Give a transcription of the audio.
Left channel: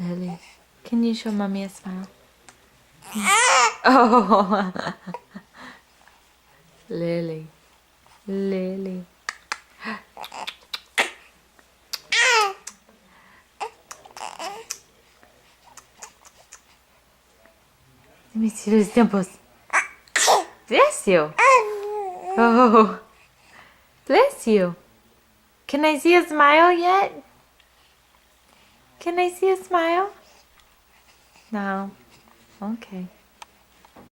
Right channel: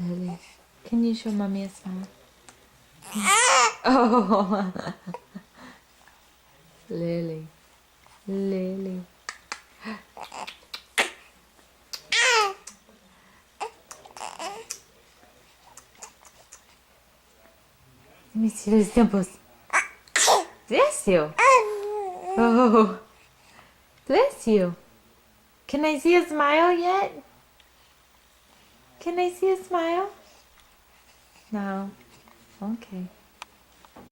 Lily, can you show mommy a smile? Oh, Lily, Lily. Let me see those dimples. Bless you. Oh, bless you. Can I see a smile yet? Can I see a smile? No. Okay.